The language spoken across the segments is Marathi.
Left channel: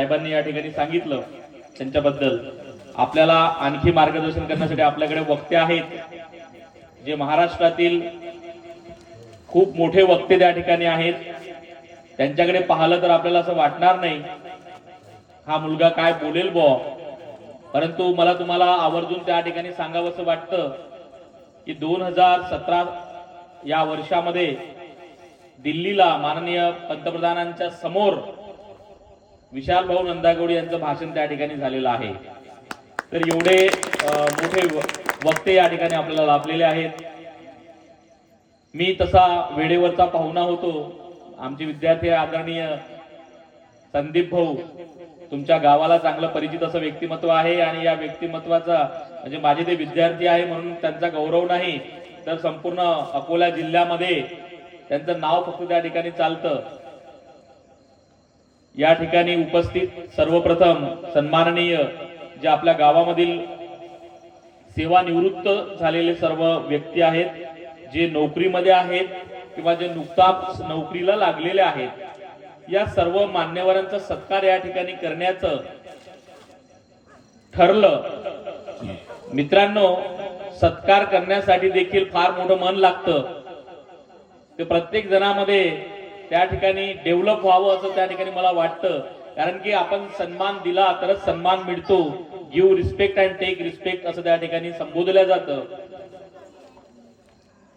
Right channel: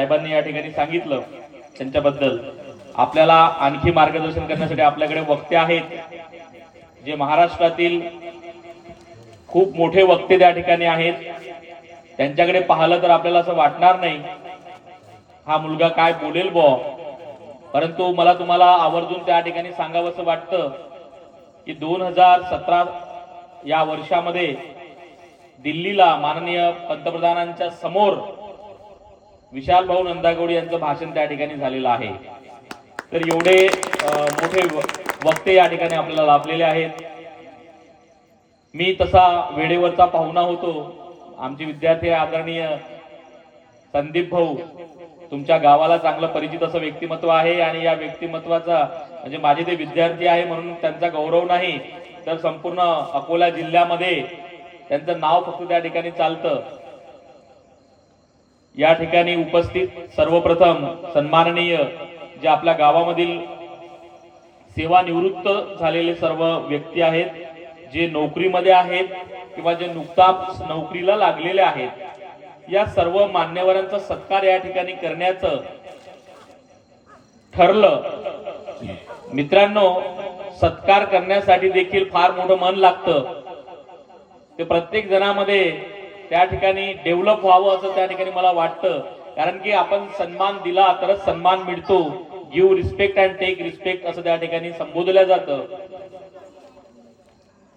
साहेबांनी या ठिकाणी सांगितलं त्यांच्याबद्दल आपल्याला आणखी मार्गदर्शन करण्यासाठी आपल्याकडे वक्ते आहेत जे महाराष्ट्रातील खूप मोठे वक्ते त्या ठिकाणी आहेत। त्यांच्याकडे पाहिलं तर आपल्याला असं वाटणार नाही हा मुलगा काय बोलेल बो, परंतु मला तुम्हाला आवर्जून त्या ठिकाणी सांगावंसं वाटतं की 2017 या वर्षामध्ये दिल्लीला माननीय पंतप्रधानांच्या समोर विशाल भाऊ नंदागौडे यांचं भाषण त्या ठिकाणी झालेलं आहे। तर एवढे मोठे वक्ते या ठिकाणी आपल्याला लाभलेले आहेत। मी तसा वेळेवरचा पाहुणा होतो। आमचे विद्यार्थी आदरणीय संदीप भाऊ तुमच्या गावाला चांगलं परिचित असं व्यक्तिमत्व आहे आणि या व्यक्तिमत्वाचा म्हणजे माझे ते विद्यार्थी आहे म्हणून त्यांचा गौरव नाही तर संपूर्ण अकोला जिल्ह्यामध्ये त्यांचं नाव फक्त त्या ठिकाणी चालतं। या ठिकाणी उपस्थित सर्वप्रथम सन्माननीय जे आपल्या गावामधील सेवानिवृत्त झालेले सर्व व्यक्ती आहेत, जे नोकरीमध्ये आहेत किंवा जे नुकताच नोकरीला लागलेले आहेत, या सर्व मान्यवरांचा सत्कार या ठिकाणी करण्याचं ठरलं। मित्रांनो, सत्कार करण्यासाठी देखील फार मोठं मन लागतं। ते प्रत्येक जणामध्ये त्या ठिकाणी डेव्हलप व्हावं असं त्या ठिकाणी मला वाटतं, कारण की आपण सन्मान दिला तरच सन्मान मिळतो। Give respect and take respect असं त्या ठिकाणी संबोधलं जातं।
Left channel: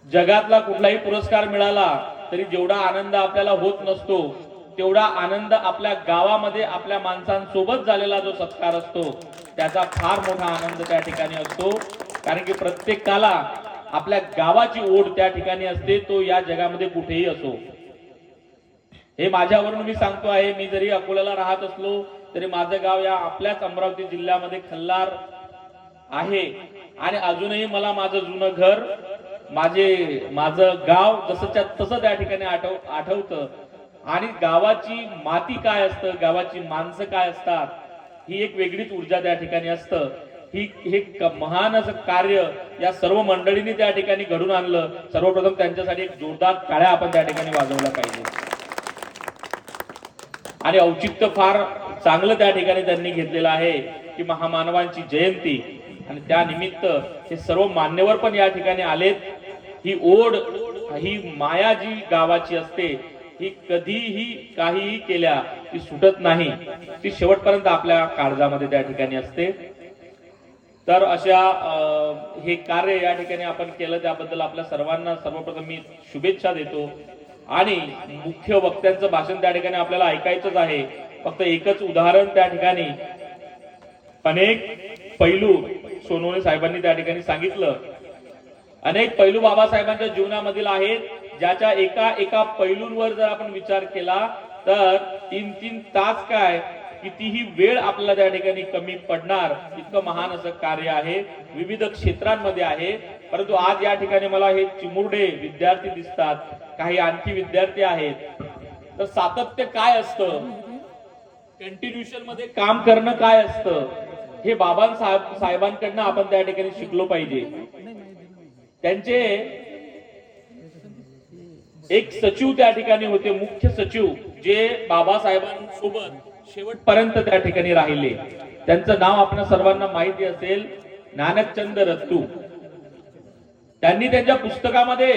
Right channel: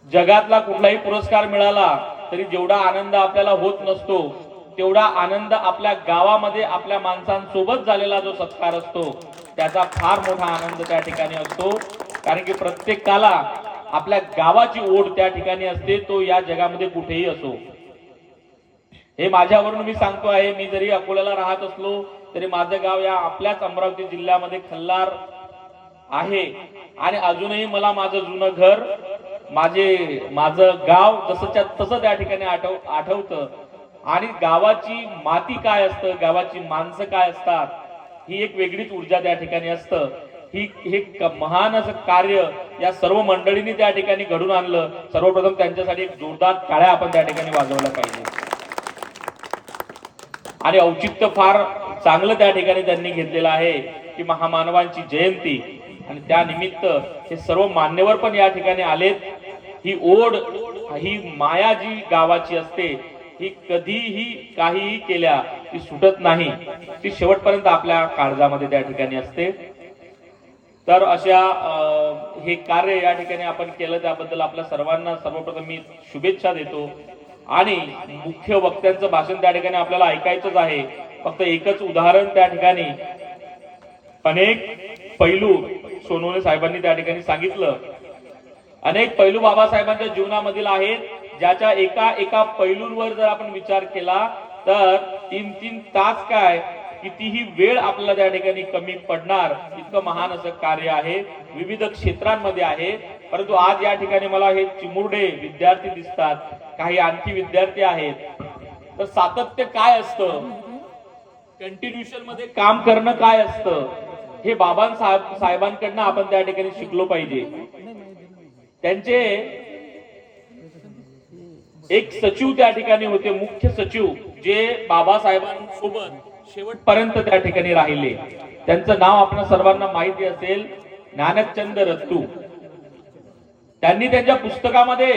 जगातला कुठलाही पुरस्कार मिळाला तरी जेवढा आनंद आपल्याला होत नसतो तेवढा आनंद आपल्या गावामध्ये आपल्या माणसांसोबत झालेला जो सत्कार असतो त्याचा फार मोठा आनंद त्या ठिकाणी असतो, कारण की प्रत्येकाला आपल्या गावाची ओढ त्या ठिकाणी असते, तो या जगामध्ये कुठेही असो। हे माझ्यावरून मी सांगतो आहे, मी जरी अकोल्याला राहत असलो तरी माझं गाव या आपल्याच अमरावती जिल्ह्यामध्ये खल्लार आहे आणि अजूनही मला माझं जुनं घर माझं गाव जसंच्या तसं त्या ठिकाणी आठवतं। आणि गावाची माती काय असतं, गावाची माणसं काय असतात, ही एक वेगळीच ऊर्जा त्या ठिकाणी असतं। हे महान असं कार्य या सर्व मंडळींनी त्या ठिकाणी घडून आणलं। सर्वप्रथम त्यांच्यासाठी एक जोरदार टाळ्या आपण त्या ठिकाणी वाजवल्या पाहिजे। आणि औचित्य फार चांगलं त्या ठिकाणी त्यांनी घेतलेलं आहे की महामानवांची जयंती आणि त्यानिमित्त हे सर्व मान्यवर पण या ठिकाणी आलेत। ही ओढ, ही माया जी गावाची असते ही कधीही काहीही केल्या ती सुटत नाही, ती शेवटपर्यंत आपल्या काळजामध्ये त्या ठिकाणी असते। तर अशा हे कार्य या ठिकाणी आपण केलं त्याबद्दल आपल्या सर्वांना सर्वप्रथम मी शुभेच्छा देतो। आणि मुख्य वक्त्यांचं भाषण त्या ठिकाणी आपल्याला ऐकायचंच आहे। फक्त एकच उदाहरण त्या ठिकाणी अनेक पैलू सोनवणे साहेबांनी त्या ठिकाणी सांगितलं। अनेक पैलू बाबासाहेबांच्या जीवनामधील आहेत, ज्याच्या एका पैलूंवर जर आपण विचार केला तर 3-3 तास काय कितीही वेळ आपल्याला त्या ठिकाणी कमी पडणार, इतकं महान असं कार्य आहे, विविध क्षेत्रांमध्ये आहे। परंतु आज या ठिकाणी मला हे चिमुरडे विद्यार्थी दिसतात, काही आणखी विद्यार्थी आहेत। तर सातत्य काय असतं, कंटिन्यूशन मध्ये काम करणं काय असतं, हे साहेबांकडनं आपण त्या ठिकाणी शिकलो पाहिजे। त्यांचे एक सचिव त्या ठिकाणी होते, मुख्य सचिव, जे बाबासाहेबांसोबत शेवटपर्यंत त्या ठिकाणी राहिले। त्यांचं नाव आपल्या सर्वांना माहिती असेल, ज्ञानचंद रत्तू। त्यांनी त्यांच्या पुस्तकामध्ये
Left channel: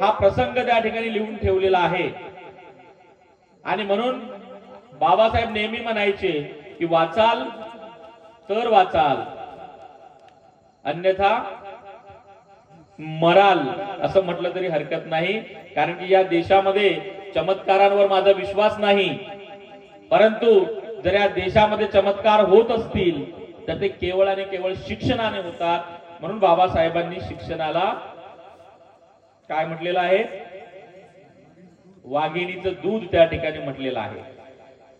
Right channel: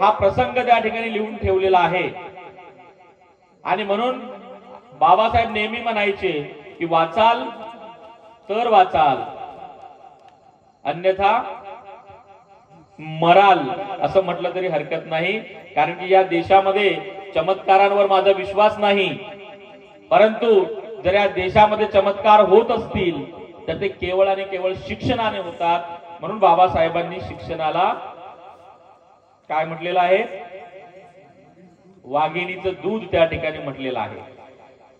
हा प्रसंग त्या ठिकाणी लिहून ठेवलेला आहे। आणि म्हणून बाबासाहेब नेहमी म्हणायचे की वाचाल तर वाचाल, अन्यथा मराल, असं म्हटलं तरी हरकत नाही। कारण की या देशामध्ये चमत्कारांवर माझा विश्वास नाही, परंतु जर या देशामध्ये चमत्कार होत असतील तर ते केवळ आणि केवळ शिक्षणाने होतात। म्हणून बाबासाहेबांनी शिक्षणाला काय म्हटलेलं आहे, वाघिणीचं दूध त्या ठिकाणी म्हटलेलं आहे।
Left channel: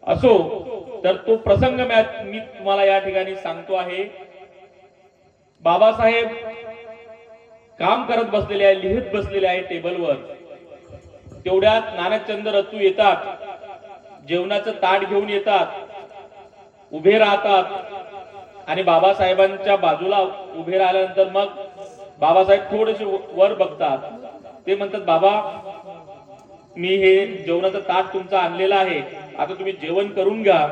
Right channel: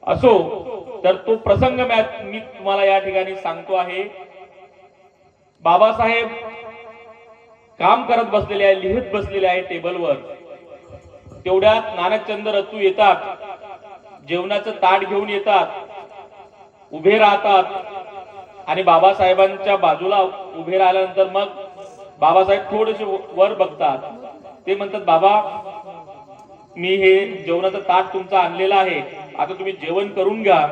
असो, तर तो प्रसंग मी तुम्हाला या ठिकाणी सांगतो आहे। बाबासाहेब काम करत बसलेले आहे, लिहित बसलेले आहे टेबलवर। तेवढ्यात ज्ञानचंद रत्तू येतात, जेवणाचं ताट घेऊन येतात, उभे राहतात आणि बाबासाहेबांच्या बाजूला उभे राहिल्यानंतर मग बाबासाहेब थोडेसे वर बघतात। ते म्हणतात, बाबा मी हे जेवणाचं ताट तुमचं आणलेलं आहे, आता तुम्ही जेवण करून घ्या